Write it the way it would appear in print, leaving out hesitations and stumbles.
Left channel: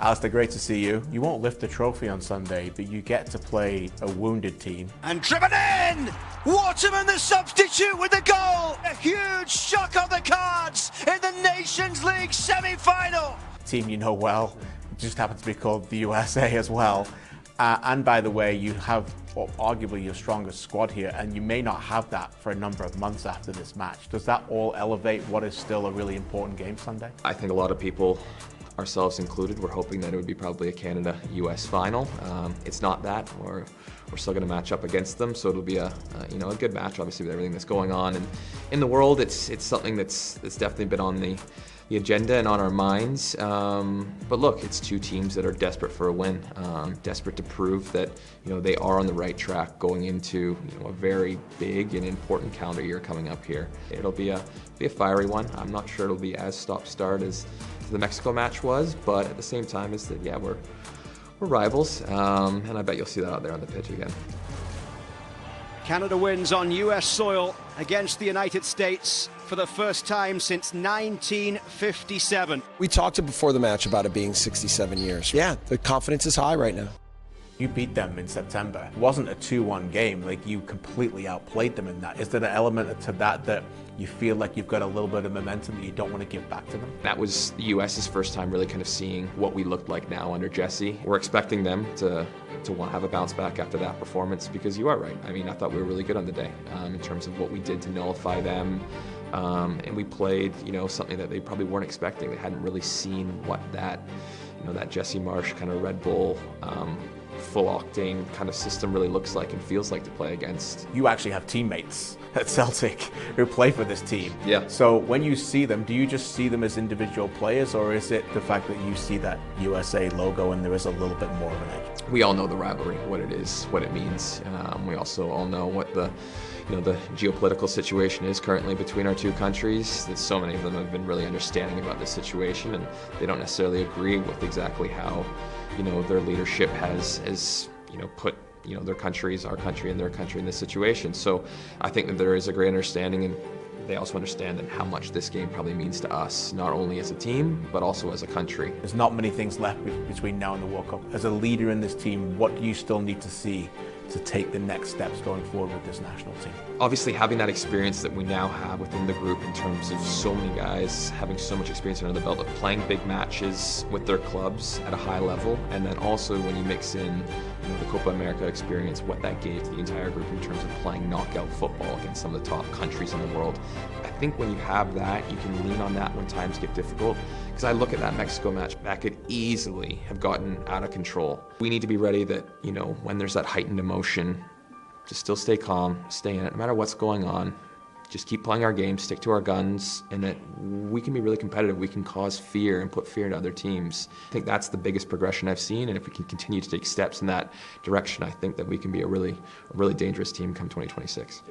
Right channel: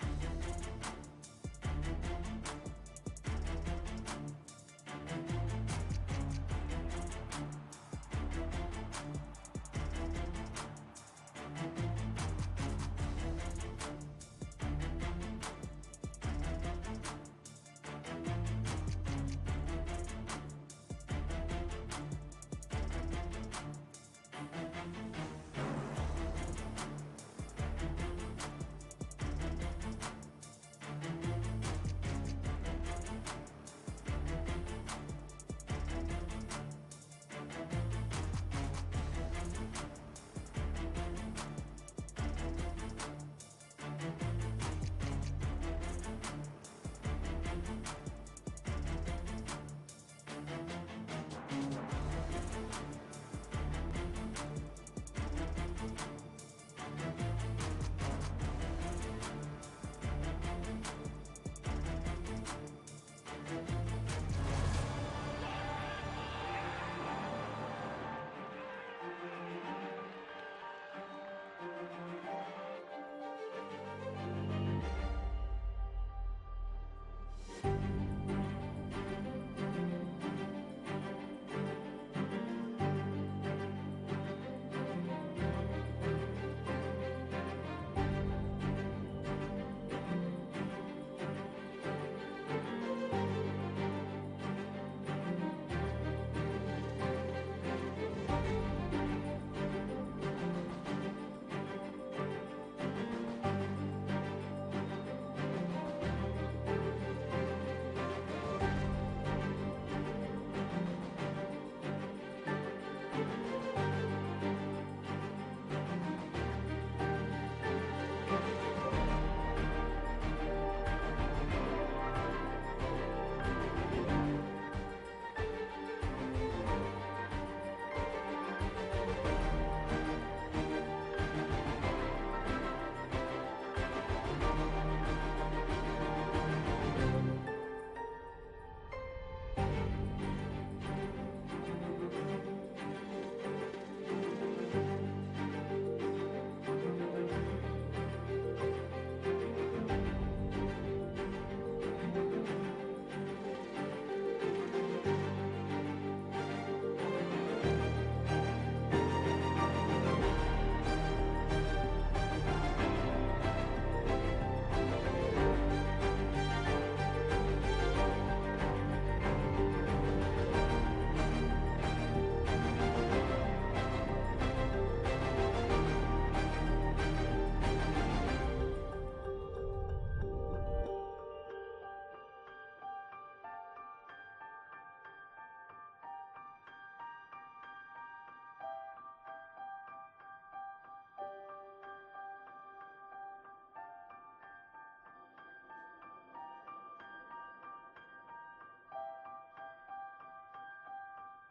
Alistair, great to see you. You won't lift the trophy on Sunday, but you get to play a wounded team. And driven in! Waterman the substitute with the goal! A huge shock on the cards in the Nations League semi-final! Team you know well, just happens to be called the USA as well. And by the way, you have arguably your strongest squad here, and you may not have that for a number of months after this match. Does that all elevate what is still a really important game Sunday? I think a lot of people, ourselves included, were hoping that it would be probably a Canada-US final. It's not that. We're still going to match up against them, so it'll be a good match. Obviously, with everything that's going on in the world, it's something that's definitely been on the agenda and on our minds. But look, it's two teams that are desperate for a win, desperate to prove that they are on the right track going into a very big and important calendar year coming up here. It'll be a fiery one. I'm not sure it'll be as stop-start as the Mexico match was, but at the same time, is that we're rivals, and I bet you'll see that out there on the pitch again. Canada wins on US soil against the United States for the first time since 1957. We talked before the match about it being 67 years. Yeah, the confidence is high right now. You beat them in September. It wasn't a 2-1 game, like you completely outplayed them in that. Is there an element to that you feel like you've got a little bit of momentum that you don't want to give back to them? That was the US's first time really kind of seeing what we looked like now under Jesse. We're expecting them to want to have a bounce back after that performance, because you are right. I mean, I thought we were really good on the day in terms of what we did to nullify them. And we played, something that they probably weren't expecting. They hadn't really seen what that Jesse Marsh kind of Red Bull full octane kind of system really looks like and feels like to play against. You actually have teammates at Celtic who play for this team. Yeah. So when you see them, do you just see them as individual players, or is it the fact that you see that USA logo and there is a little bit more of it? We all know the rivalry, what it is, what it means. We also all know what the geopolitical situation is currently between our two countries. So many of them have been really understanding about this situation, and they don't necessarily agree with exactly how their leadership has put their countries, our country and their country in this situation. So I think that there is a great understanding, and they also understand how much this game probably means to us, not only as a team, but also as a country. There's not many things left between now and the World Cup. As a leader in this team, what do you still need to see to take the next steps going forward with this national team? Obviously, having that experience that we now have within the group in terms of so many guys having so much experience under the belt of playing big matches with their clubs at a high level, and then also when you mix in the Copa America experience, what that gave to the entire group in terms of playing knockout football against some of the top countries in the world. I think when you have that, you can lean on that when times get difficult. Because I look at that Mexico match, that could easily have gotten out of control. We need to be ready that, when there's that heightened emotion, to still stay calm, stay in it, no matter what's going on. Just keep playing our game, stick to our guns, and that we can be really competitive. We can cause fear and put fear into other teams. I think that's the biggest progression I've seen, and if we can continue to take steps in that direction, I think that we can be a really dangerous team come 2026.